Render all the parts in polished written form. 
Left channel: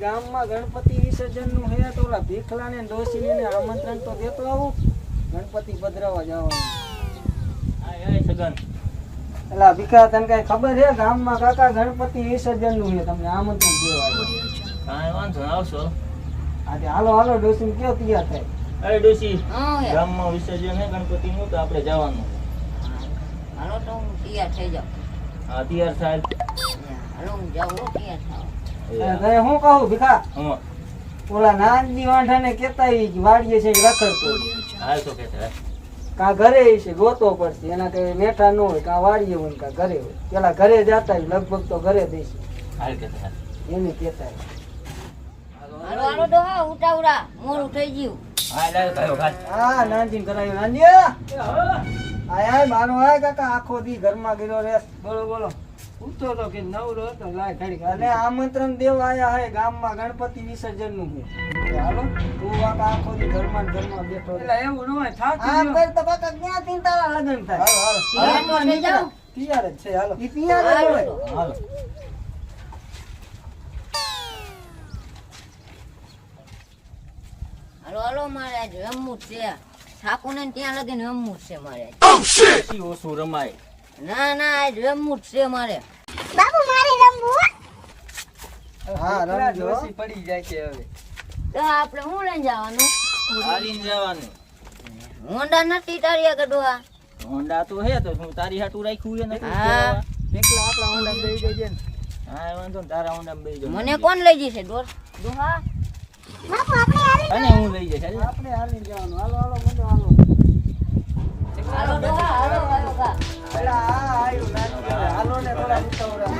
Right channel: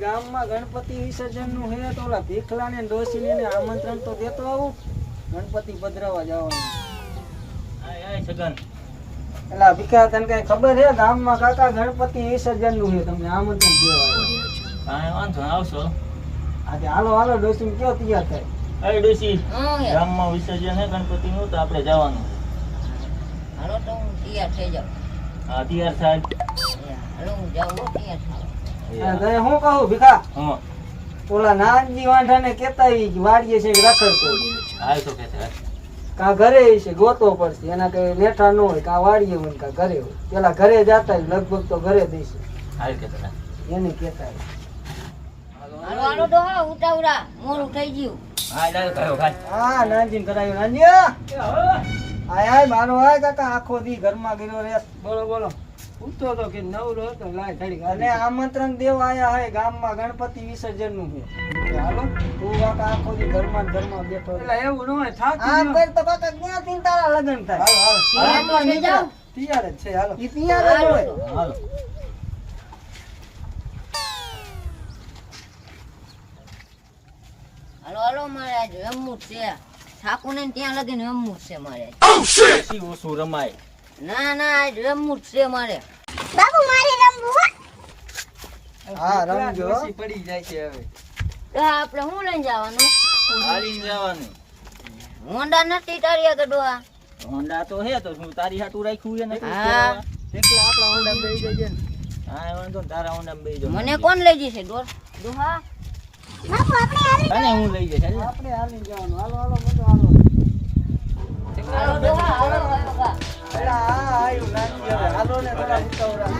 ગામમાં ગણપતિ વિસર્જન નું હે તો ઓલા ભીખલા ને ડોશી ને આમંત્રણ તો દેતો આવું ગણપતિ પધરાવા જવાનું. સગન એલા ભીખા તને કઈ ખબર હે ગામમાં કાકા ગણપતિ વિસર્જન નું હે તમને આમંત્રણ દેવા કાંઈ વાંધો ના આવશો. આજે હાલો હાલો ડોશી કેવો તૈયાર થાય. અરે ડોશી ગામમાં વિસર્જન હે ગણપતિ નું તો આપણે જવાનું. હાલો તો હું તૈયાર થઈ જાઉં. હા તૈયાર થાય. હાલો હું જાઉં તૈયાર થાવ. ઘરે હું કહું ભીખા હા ઓલા નાનજી વાંઢાને કેતા વાડીએ છે રખડતો હાલ તો કહેતા કા ઘરે છે ગોતો પડશે એના કઈ બેઠા ન હોય કા વાડીએ હોય કા ઘરે હોય પેલા ઘરે જતા લગભગ તો ઘરે દેશે હાલ કહેતા એને કેતા હાલો હાલો ડોહા ઉતાવળા મોડું થઈ ગયું. હા લાવ કરો ભાઈ. હા નાનજી કરાયું નાનજી આય આય મારો આય કાકા આખો દી ઘરમાં ગયો રે બોલો બોલો ઉઠતો તો કે નવરો હતો લાય ઘડી અને આમંત્રણ દેવા આયા હે ગામમાં ગણપતિ વિસર્જન નું છે હાલો તું કાકા આખો દી ઘરમાં બેઠો એટલે એવું ન હોય થાક આ પર તો કાકા ક્યાં થી તારા લગન થાય હાલો તૈયાર થઈ જાવ. તૈયાર જ છે હાલો ઈ તૈયાર જ હોય હાલો હાલો હાલો મારે આજ રમવું જ છે. ઠાકોરને ત્યાં લગીને રમવું જ છે મારે. પછી ઓછું રમાય. ના ના આજ રમવું જ છે મારે. હા રમજો પડી જાય છે હવે તો આપણે શું લઈને જવાનું? હાલીને જવાનું. હોન્ડા નથી તારી આગળ ડોહા? હોન્ડા તો હે તો હું તારી હાટું રાખ્યું હે ને. હા. એકલા આપણા હોન્ડા બેહી જઈએ ને હા વાંધો ને તારા હોન્ડા બેહી જાવ. મને કોણ લઈ જશે ડોહા? અને હું લઈ જઈશ હાલ. આપણે હાલી જવાનું હાલો હાલો બધો હાલો હાલો ડોહા હાલો હાલો કા. પેલા આ આયુ નાની હવે હાલો ને થોડા ઉતાવળા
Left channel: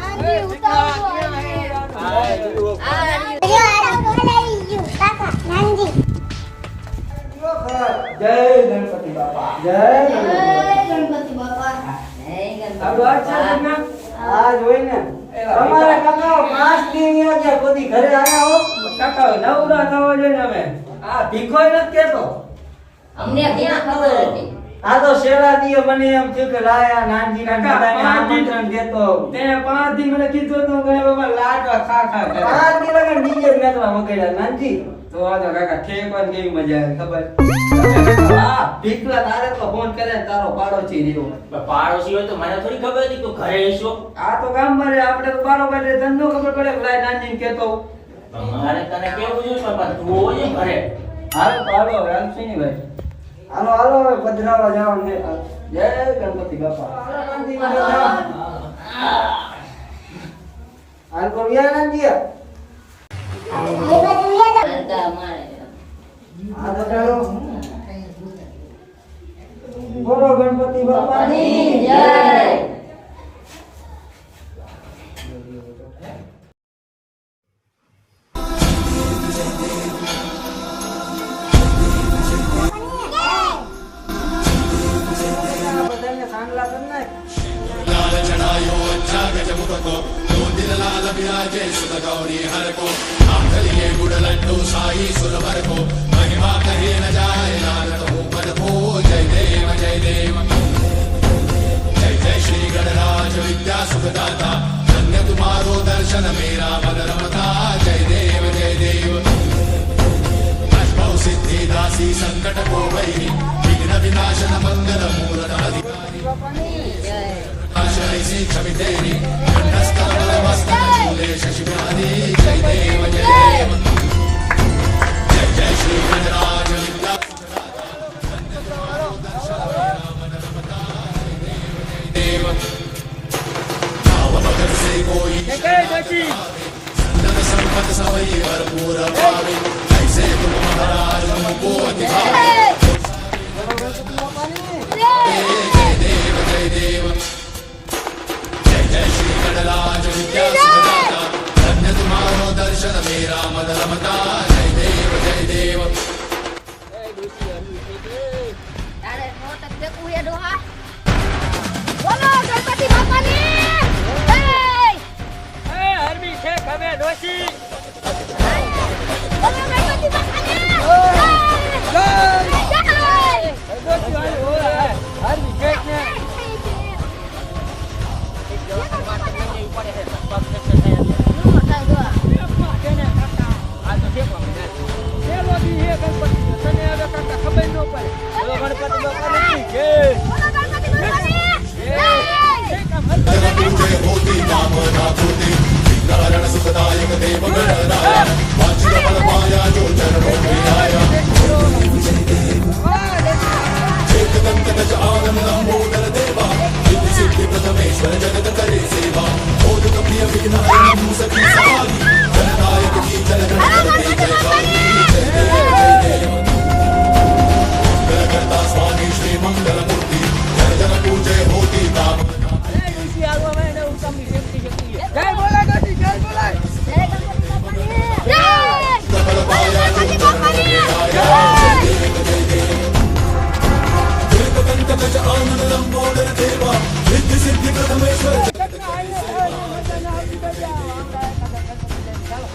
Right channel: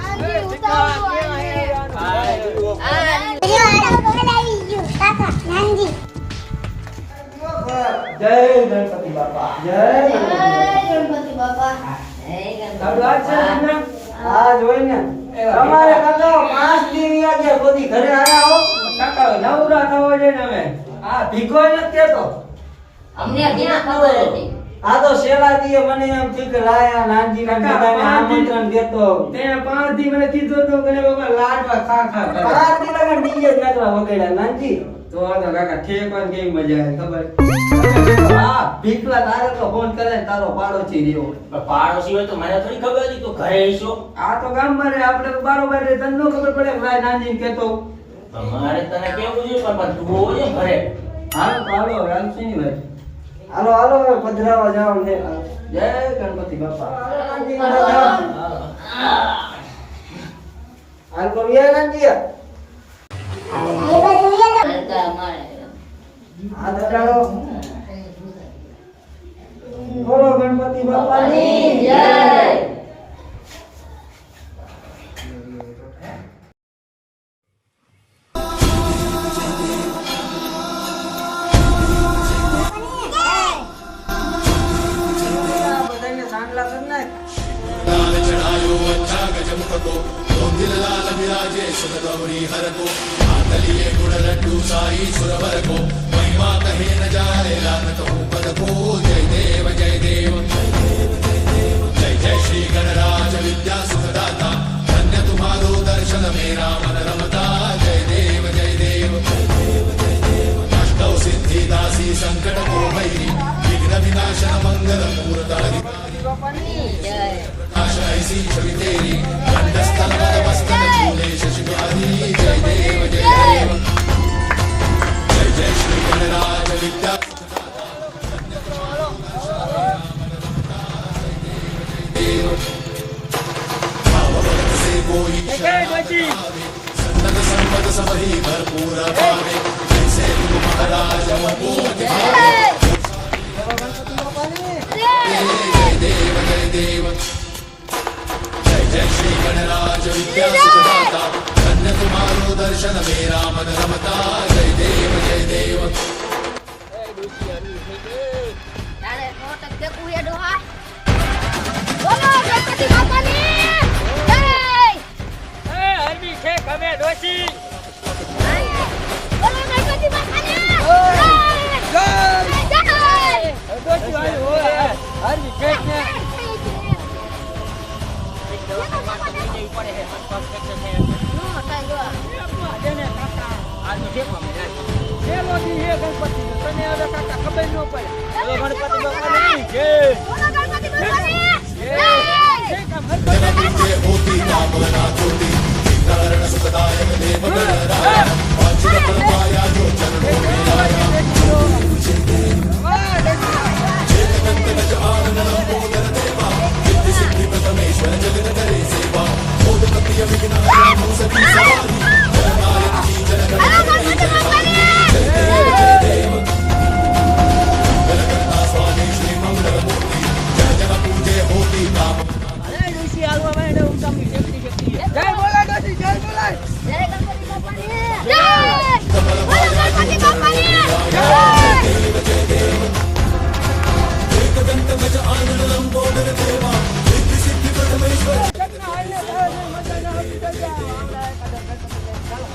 જય ગણપતિ બાપા જય ગણપતિ બાપા. આ જોઈને તમારે કાકા 5 દી ની આજે બધી ઘરે આયા હો કાકા નવરા થવા દે ને હવે આ ભીખોય નથી કેતો અમને ક્યાં ખબર હતી? આ તો શેરા દીએ મને એમ થયું કે લાયા નાનજી ના બધાને આમંત્રણ દેતો તે 5 દી મને કીધું તો મને બાબા લાડવા ખા ખા કરે 5 દી લગન ડીજે નાચવા વગાડ્યા નાનજી તો આ તો કાકા ઠેકવાની કેવી મજા આવે ખબર હા ભીખલા તારે તો ફોન કરે ને તારો પાડોશી રહ્યો પાડોશી હોય તો મને થોડી ખબર હતી તું ઘરે હશો. આ તો ગામમાં રે આપણે તો બારોબાર રે ધંધો ખબર પડે કે લાય નાનજી કેતો મારે તને કેવું છે પણ તું હોય ને ઘરે. હાલો તો હાલો હાલ છે ને ભાઈ હાલો હાલો હવે પધરાવા જવાનું છે જય ગણપતિ બાપા હાલ તો યાર નાનજી આ તો ચાલો બોલો ગણપતિ બાપાની જય. બધાને સાંગલા કર નાખ તારે મોટક દેખું હે ડોહા? બોલો ગણપતિ બાપાની જય. હરવી છે ખમે ડોશી. બોલો ગણપતિ બાપાની જય. જય જય. ડોશી વાળી હોય હારવી કેક ને એક દવા માટે લઈ જવી પડે છે. પગ ફ્રેક્ચર થાય એટલે. નો થાય ડોહા. જેને કાકા આ તો ઠેકવામાં જાય. પેલો દી હે ગણપતિનો, તને હવે કાકા ખબર ન પડે. બોલો ગણપતિ બાપાની જય. બોલો ગણપતિ બાપાની જય. જય. જય કામ હર પડે. હાલો ગણપતિ બાપાની અરે ડોશી હાલવા માંડે, હું તમને શક્તિ શક્તિ છે. જય બોલાય ડોશી, જય બોલાય. જય ગણપતિ બાપાની જય. બોલો ગણપતિ બાપાની જય. કેટલા હાલને થાય ને મજા ના આવતી તો જાઓ. આવડા એકાદા ગણપતિ લઈને ચાલો.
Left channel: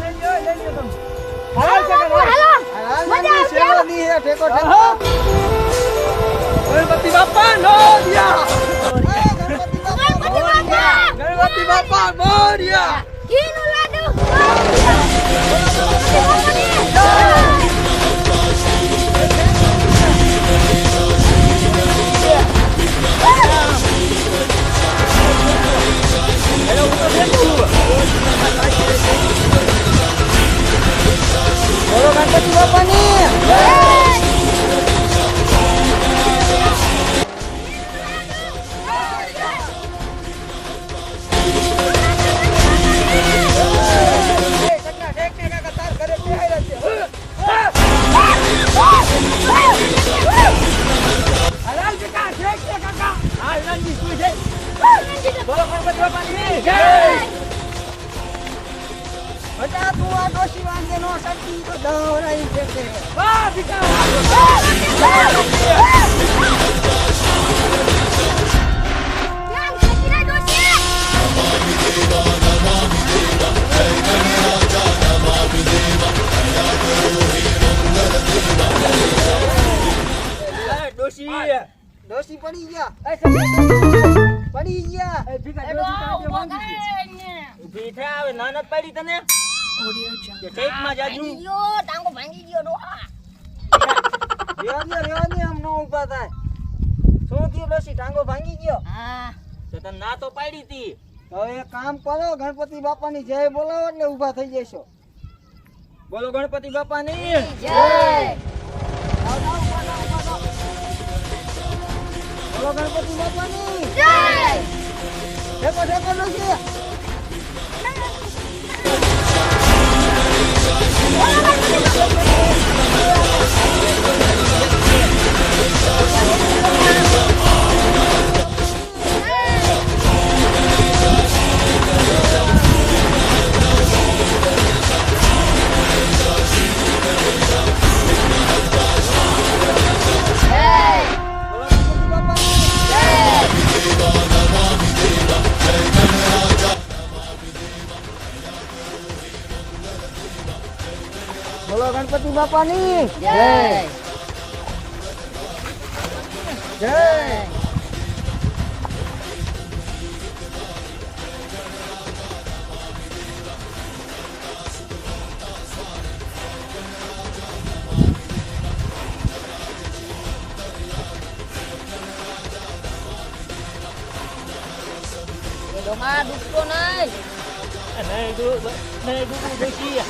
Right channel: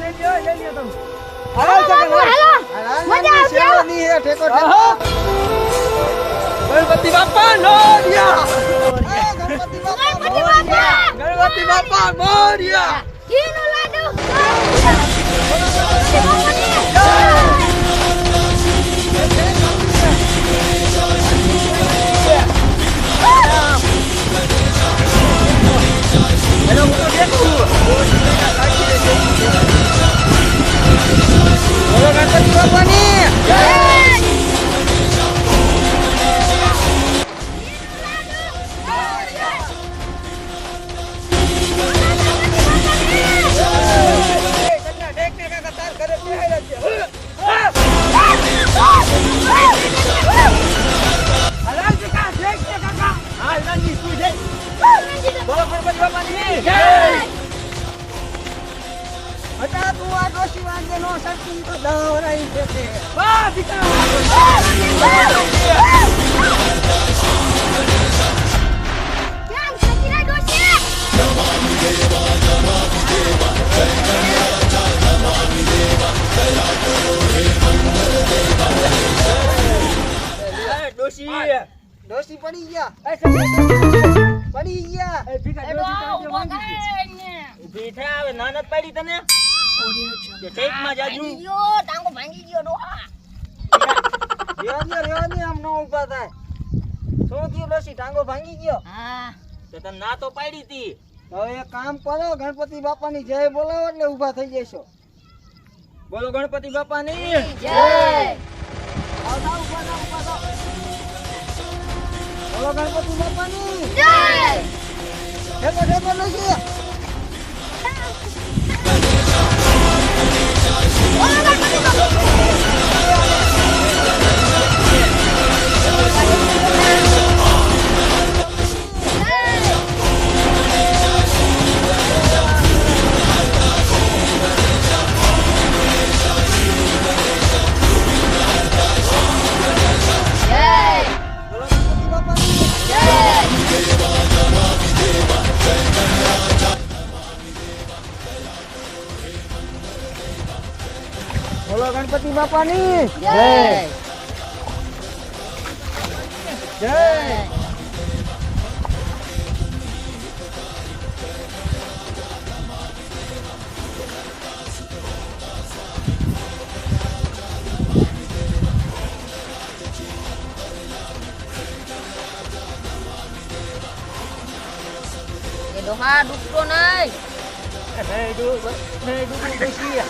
લઈ લ્યો, લઈ લ્યો તમે. હાલો હાલો, હાલો. હાલો. મજા આવશે. સેવા દી હે ઠેકો ઠેકો. ગણપતિ બાપા મોર્યા. ગણપતિ બાપા ગણપતિ બાપા ગણપતિ બાપા મોર્યા. ઘીનું લાડુ જય. બોલો ગણપતિ બાપાની જય. હેલો, હું તો ઠેકું. બોલો ગણપતિ બાપાની જય. હાલ નાનજી સુઈ જાય. બોલો ગણપતિ બાપાની જય. હટા તું આ ડોશી વાંગે નો શક્તિ તો દવરાઈ છે. વાહ દીકરા. ધ્યાન સતીના દોશી ડોશી ડોશી પડી ગયા. પડી ગયા. ઊભી થા, હવે નાનત પાડી તને કે ટેકમાં જાજુ. ટાંગો ભાંગી ગયો ડોહા રેવા દે આમ નો ઊભા થાય. શું થયું ડોશી, ટાંગો ભાંગી ગયો? હા તો તને ના તો પાડી તી. હવે એક કામ કરો, ગણપતિ બાપાની જય બોલાવો એટલે ઊભા થઈ જશો. બોલો ગણપતિ બાપાની જય આવ જાવ, ઊભા થાવ, ઊભા થાવ. બોલો ગણપતિ બાપાની જય ઠેકો ઠેકો ડોશી. બોલો ગણપતિ બાપાની જય બોલો ગણપતિ બાપાની બોલો ગણપતિ બાપાની જય જય. એ ડોહા ડૂબતો નહીં નહીં ડૂબું ડોશી.